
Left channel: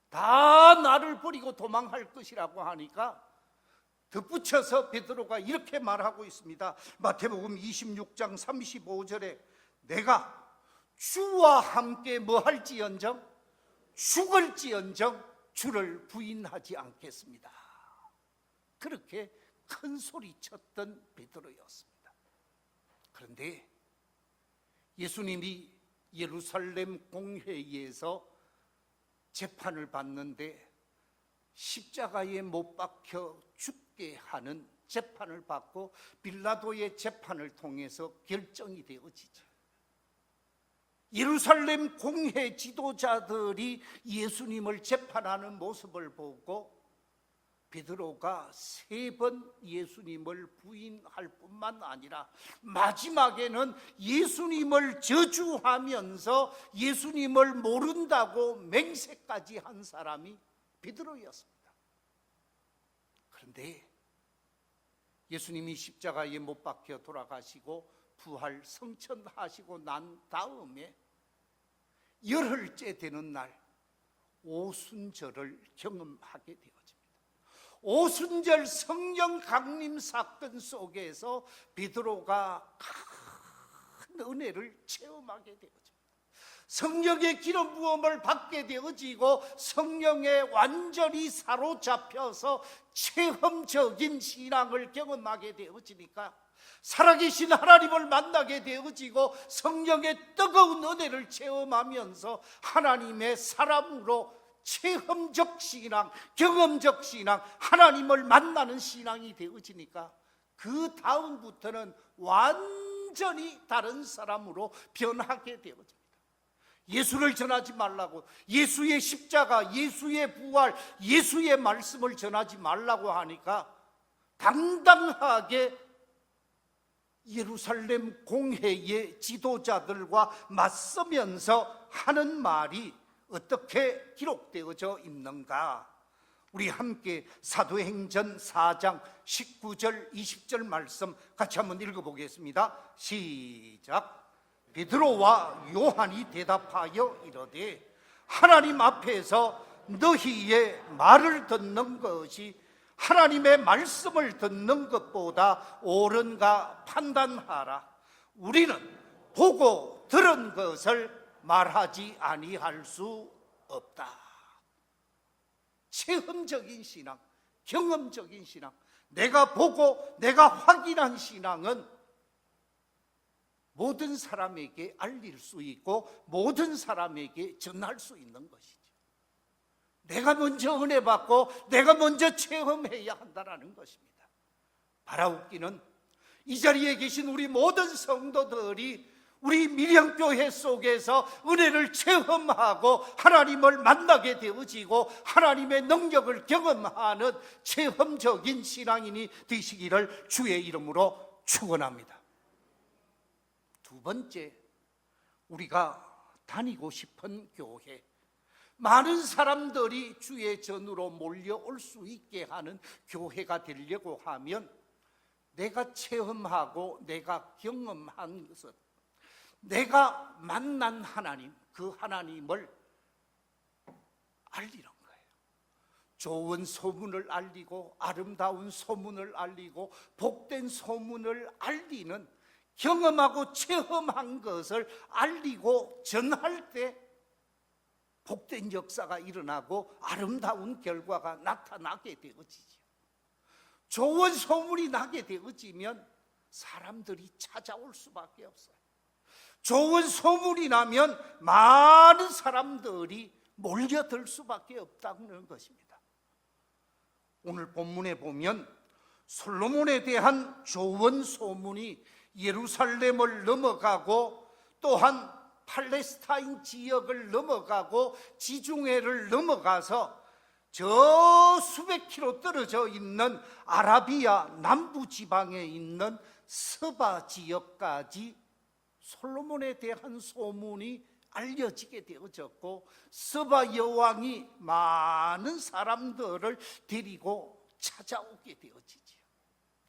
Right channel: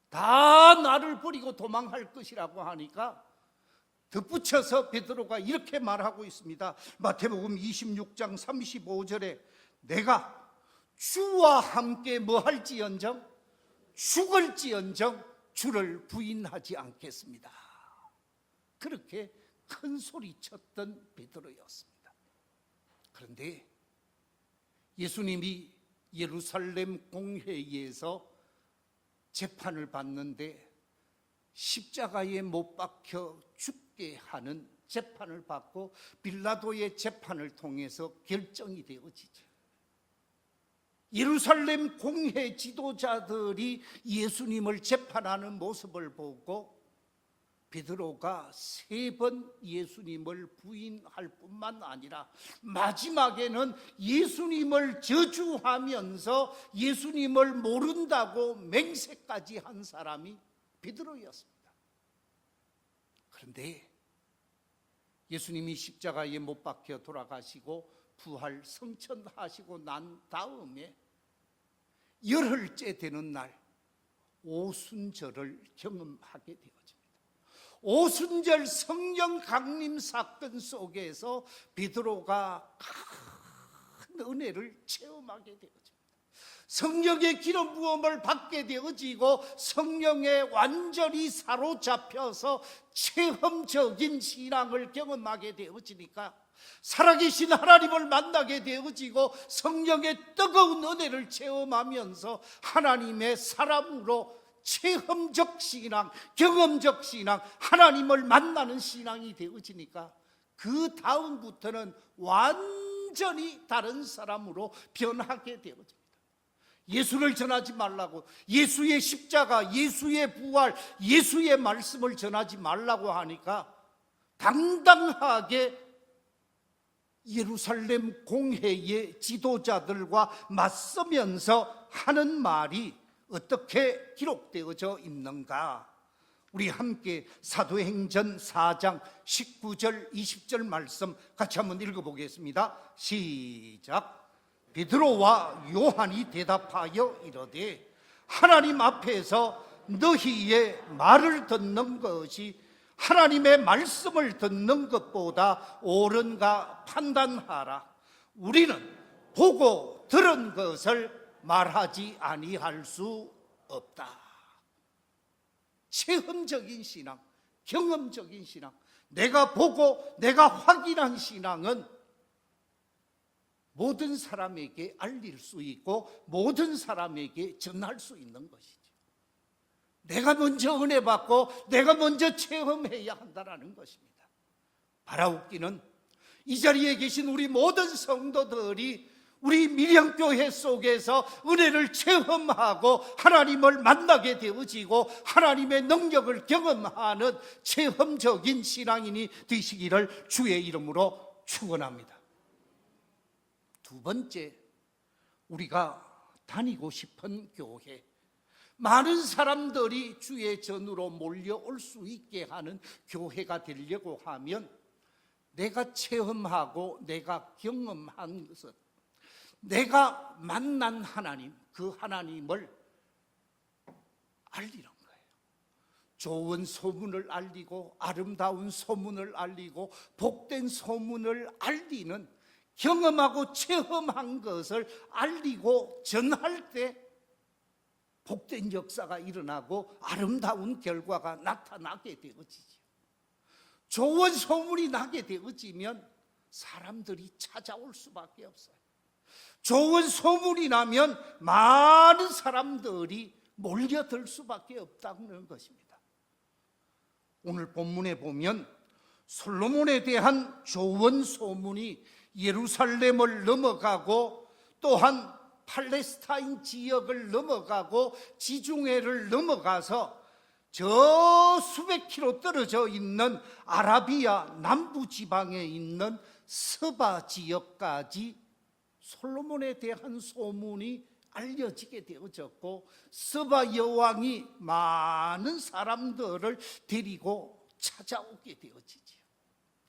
다 나를 버리고 도망할 것이라고 하니까 덧붙여서 베드로가 이렇게 말하고 있습니다. 마태복음 26장 35절에 내가 주와 함께 뭐할지언정 죽을지언정 주를 부인하지 않겠습니다. 그렇게 큰 소리쳤던 베드로였습니다. 그런데 예수님이 예루살렘 공회에서 재판을 받는데 십자가에 못 박혀 죽게 하는 재판을 받고 빌라도의 재판을 통해서 결정이 되어지죠. 예루살렘 공회 지도자들이 예수님을 재판하는 모습을 보고 베드로가 3번 예수님을 부인할 뿐만 아니라 마지막에는 예수님을 저주하면서 예수님을 모른다고 맹세까지 한 사람이 베드로였습니다. 그런데 예수님이 십자가에 못 박혀 돌아가시고 부활 성천하시고 난 다음에 열흘째 되는 날 오순절을 경험하게 되었습니다. 오순절 성령 강림 사건 속에서 베드로가 큰 은혜를 체험하게 되어집니다. 성령의 기름 부음을 받게 되어지고 성령에 완전히 사로잡혀서 체험적인 신앙을 경험하게 되어지니까 살아계신 하나님을 만나게 되어지고 성령의 뜨거운 은혜를 체험하면서 하나님의 사람으로 체험적 신앙, 경험적 신앙, 하나님을 만나는 신앙이 되어지니까 그 다음부터는 완전히 다른 사람으로 변하게 되어집니다. 예수를 전하지 말라고, 예수의 십자가, 예수의 부활, 예수의 말씀을 전하지 말라고 하니까 당당하게 예루살렘 공회의 지도자들과 맞서면서 하는 말이 어떻게 기록되어져 있는가? 우리 함께 사도행전 4장 19절 20절 말씀 같이 한번 읽어보겠습니다. 시작. 베드로와 요한이 대답하여 이르되 하나님 앞에서 너희의 말을 듣는 것이 하나님의 말씀을 듣는 것보다 옳은가 판단하라. 우리는 보고 들은 것을 말하지 아니할 수 없다. 체험적인 신앙, 경험적인 신앙, 내가 보고 내가 확인한 신앙은 모든 사람에게 알릴 수 있고 모든 사람에게 전할 수 있는 것이죠. 내가 먼저 은혜 받고 내가 먼저 체험해야 한다는 것입니다. 바라옵기는 이 자리에 계신 우리 모든 성도들이 우리 밀양교회 속에서 은혜를 체험하고 하나님을 만나게 되어지고 하나님의 능력을 경험하는 체험적인 신앙인이 되시기를 주의 이름으로 축원합니다. 두 번째, 우리가 다니고 싶은 교회, 많은 사람들이 주의 전으로 몰려올 수 있게 하는 교회가 되려고 하면 내가 체험하고 내가 경험한 것은 내가 만난 하나님, 그 하나님을 알리는 거예요. 좋은 소문을 알리고 아름다운 소문을 알리고 복된 소문을 알리는, 경험하고 체험한 것을 알리고 전할 때 복된 역사가 일어나고 아름다운 결과가 나타나게 되어지죠. 좋은 소문이 나게 되어지면 사람들이 찾아올 수밖에 없어요. 좋은 소문이 나면 많은 사람들이 몰려들 수밖에 없다는 것입니다. 오늘 본문에 보면 솔로몬에 대한 좋은 소문이 예루살렘을 넘어가고 또한 팔레스타인 지역을 넘어가고 지중해를 넘어가서 저 수백 킬로 떨어져 있는 아라비아 남부 지방에 있는 서바 지역까지 솔로몬에 대한 소문이 알려지게 되어졌고, 서바 여왕이 많은 사람들을 데리고 찾아오게 되어지죠.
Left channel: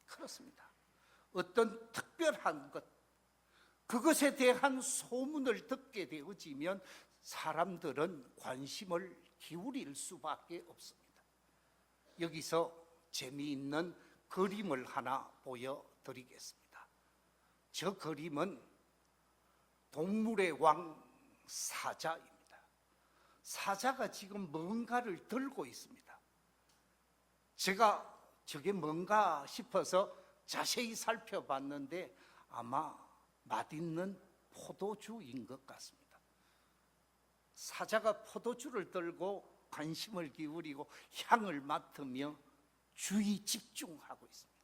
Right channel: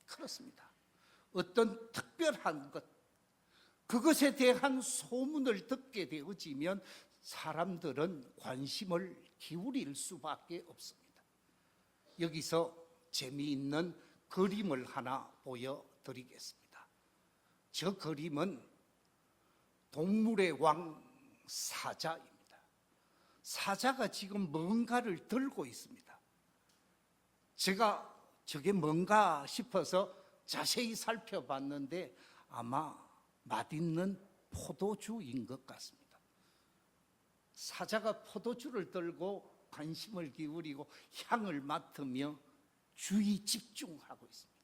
그렇습니다. 어떤 특별한 것, 그것에 대한 소문을 듣게 되어지면 사람들은 관심을 기울일 수밖에 없습니다. 여기서 재미있는 그림을 하나 보여드리겠습니다. 저 그림은 동물의 왕 사자입니다. 사자가 지금 뭔가를 들고 있습니다. 제가 저게 뭔가 싶어서 자세히 살펴봤는데 아마 맛있는 포도주인 것 같습니다. 사자가 포도주를 들고 관심을 기울이고 향을 맡으며 주의 집중하고 있습니다.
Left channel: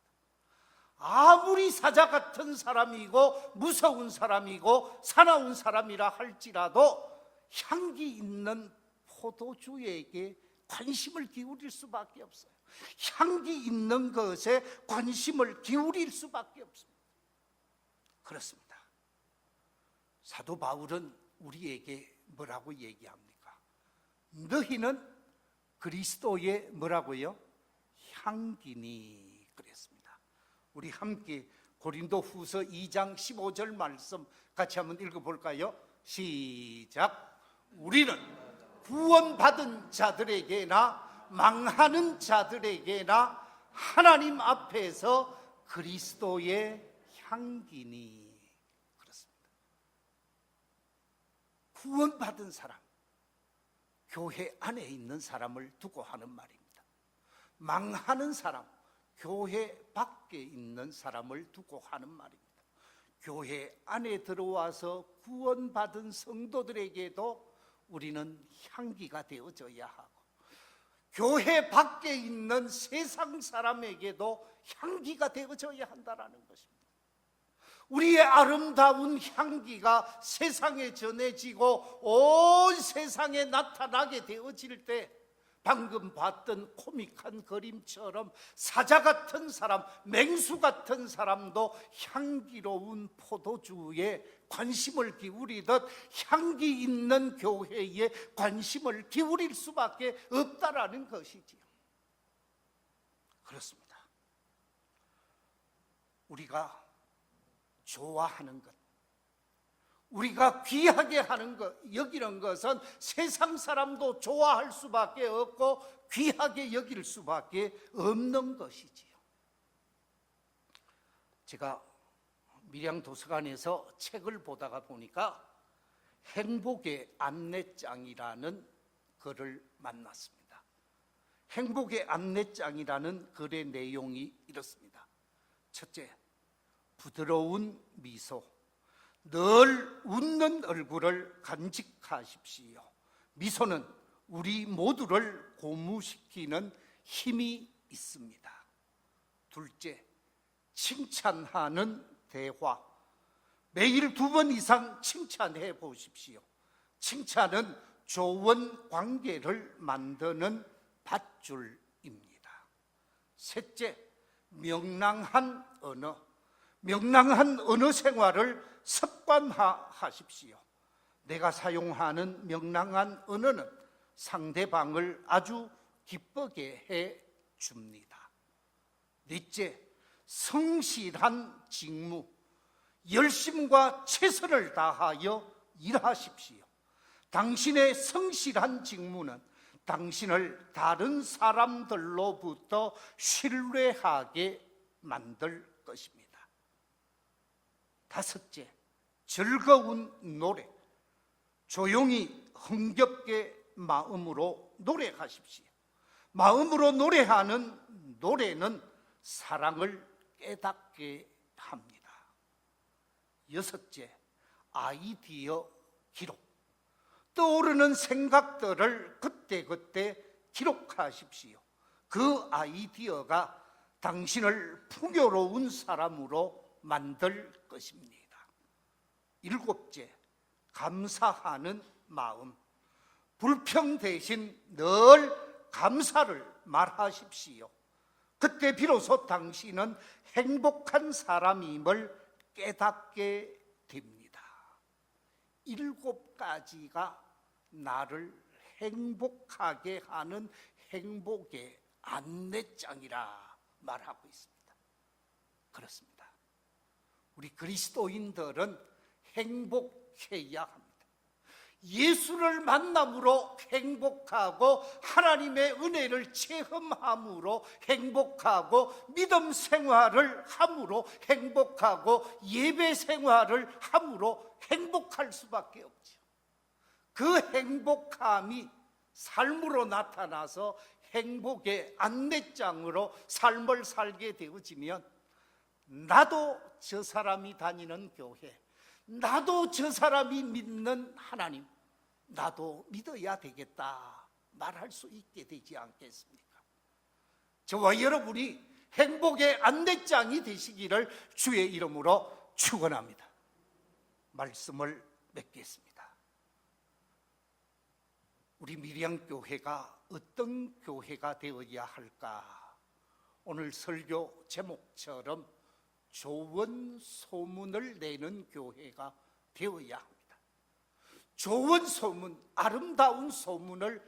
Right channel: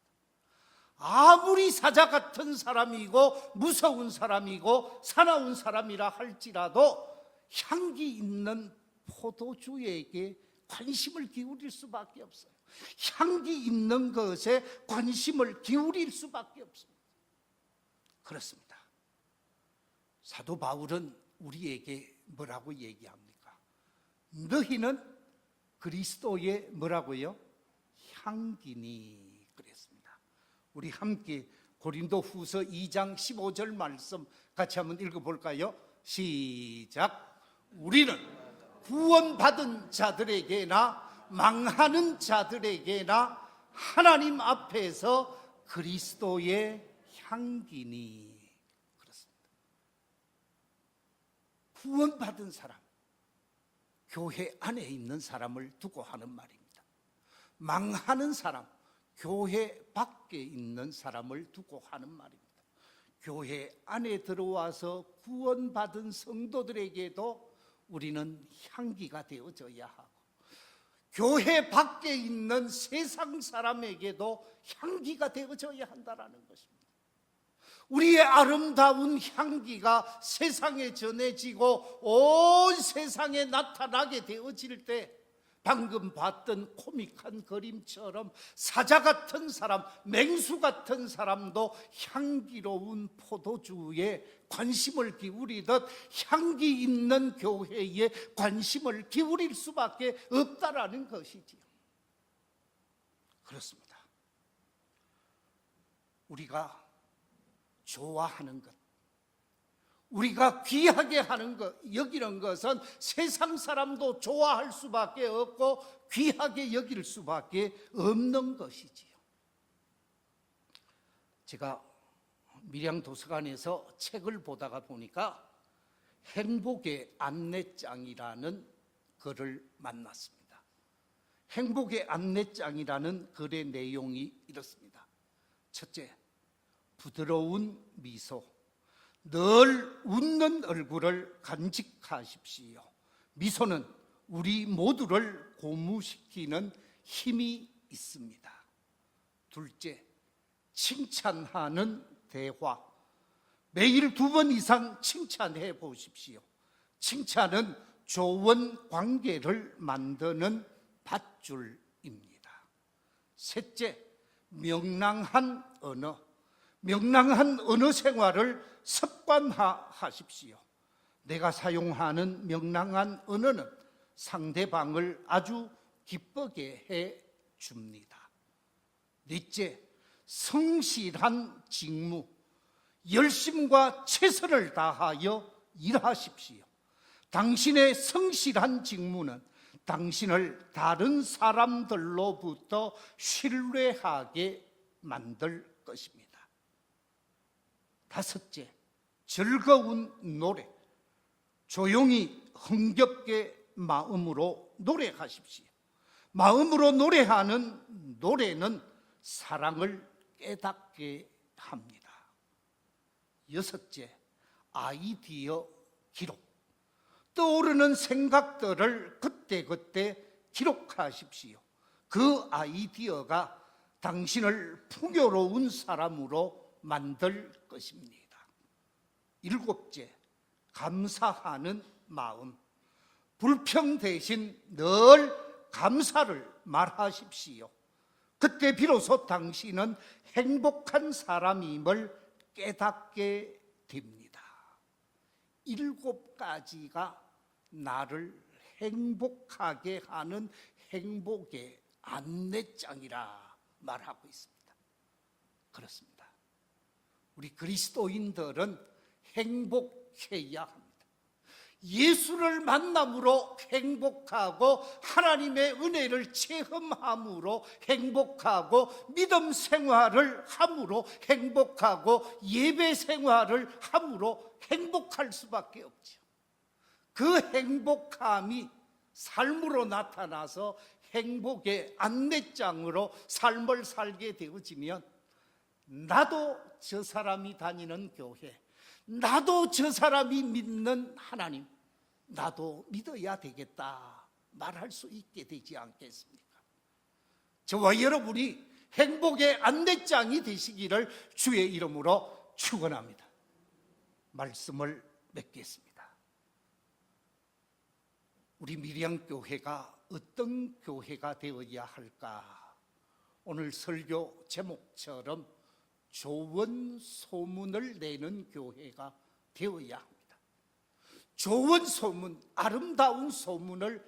아무리 사자 같은 사람이고 무서운 사람이고 사나운 사람이라 할지라도 향기 있는 포도주에게 관심을 기울일 수밖에 없어요. 향기 있는 것에 관심을 기울일 수밖에 없습니다. 그렇습니다. 사도 바울은 우리에게 뭐라고 얘기합니까? 너희는 그리스도의 뭐라고요? 향기니. 우리 함께 고린도후서 2장 15절 말씀 같이 한번 읽어볼까요? 시작. 우리는 구원받은 자들에게나 망하는 자들에게나 하나님 앞에서 그리스도의 향기니. 그렇습니다. 구원받은 사람, 교회 안에 있는 사람을 두고 하는 말입니다. 망하는 사람, 교회 밖에 있는 사람을 두고 하는 말입니다. 교회 안에 들어와서 구원받은 성도들에게도 우리는 향기가 되어져야 하고, 교회 밖에 있는 세상 사람에게도 향기가 되어져야 한다는 것입니다. 우리의 아름다운 향기가 세상에 전해지고 온 세상에 나타나게 되어질 때, 방금 봤던 코믹한 그림처럼 사자 같은 사람, 맹수 같은 사람도 향기로운 포도주에 관심을 기울이듯 향기 있는 교회에 관심을 기울일 수밖에 없다라는 것이지요. 그렇습니다. 우리가 좋아하는 것, 우리가 귀하게 하는 것, 여기는 것은 세상 사람도 좋아할 수밖에 없고 귀하게 여길 수밖에 없는 것이지요. 제가 밀양도서관에서 책을 보다가 보니까 행복의 안내장이라는 글을 만났습니다. 행복의 안내장이라는 글의 내용이 이렇습니다. 첫째, 부드러운 미소, 늘 웃는 얼굴을 간직하십시오. 미소는 우리 모두를 고무시키는 힘이 있습니다. 둘째, 칭찬하는 대화. 매일 2번 이상 칭찬해 보십시오. 칭찬은 좋은 관계를 만드는 밧줄입니다. 셋째, 명랑한 언어. 명랑한 언어 생활을 습관화하십시오. 내가 사용하는 명랑한 언어는 상대방을 아주 기쁘게 해 줍니다. 넷째, 성실한 직무. 열심과 최선을 다하여 일하십시오. 당신의 성실한 직무는 당신을 다른 사람들로부터 신뢰하게 만들 것입니다. 다섯째, 즐거운 노래. 조용히 흥겹게 마음으로 노래하십시오. 마음으로 노래하는 노래는 사랑을 깨닫게 합니다. 여섯째, 아이디어 기록. 떠오르는 생각들을 그때그때 기록하십시오. 그 아이디어가 당신을 풍요로운 사람으로 만들 것입니다. 일곱째, 감사하는 마음. 불평 대신 늘 감사를 말하십시오. 그때 비로소 당신은 행복한 사람임을 깨닫게 됩니다. 7가지가 나를 행복하게 하는 행복의 안내장이라 말하고 있습니다. 그렇습니다. 우리 그리스도인들은 행복해야 합니다. 예수를 만남으로 행복하고 하나님의 은혜를 체험함으로 행복하고 믿음 생활을 함으로 행복하고 예배 생활을 함으로 행복할 수밖에 없죠. 그 행복함이 삶으로 나타나서 행복의 안내장으로 삶을 살게 되어지면 나도 저 사람이 다니는 교회, 나도 저 사람이 믿는 하나님, 나도 믿어야 되겠다 말할 수 있게 되지 않겠습니까? 저와 여러분이 행복의 안내장이 되시기를 주의 이름으로 축원합니다. 말씀을 맺겠습니다. 우리 밀양교회가 어떤 교회가 되어야 할까? 오늘 설교 제목처럼 좋은 소문을 내는 교회가 되어야 합니다. 좋은 소문, 아름다운 소문을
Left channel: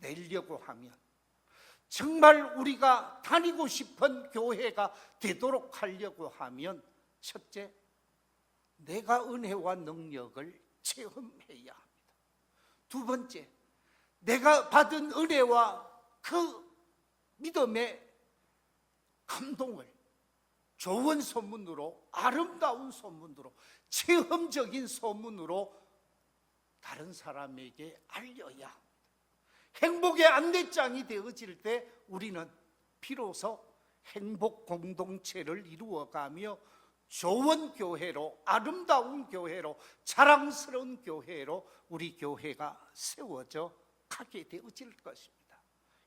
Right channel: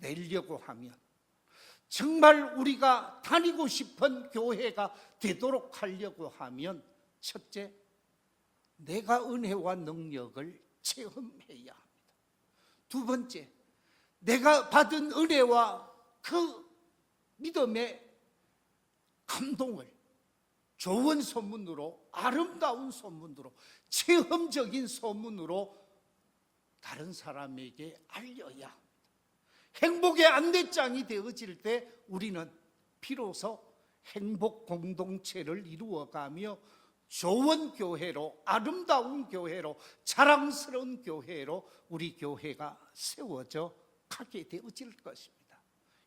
내려고 하면 정말 우리가 다니고 싶은 교회가 되도록 하려고 하면 첫째, 내가 은혜와 능력을 체험해야 합니다. 두 번째, 내가 받은 은혜와 그 믿음의 감동을 좋은 소문으로, 아름다운 소문으로, 체험적인 소문으로 다른 사람에게 알려야 합니다. 행복의 안내장이 되어질 때 우리는 비로소 행복 공동체를 이루어가며 좋은 교회로, 아름다운 교회로, 자랑스러운 교회로 우리 교회가 세워져 가게 되어질 것입니다.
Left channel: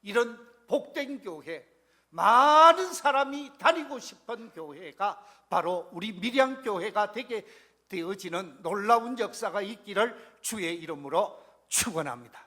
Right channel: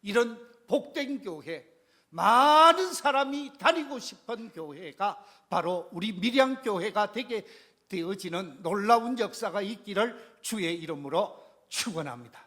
이런 복된 교회, 많은 사람이 다니고 싶은 교회가 바로 우리 밀양교회가 되게 되어지는 놀라운 역사가 있기를 주의 이름으로 축원합니다.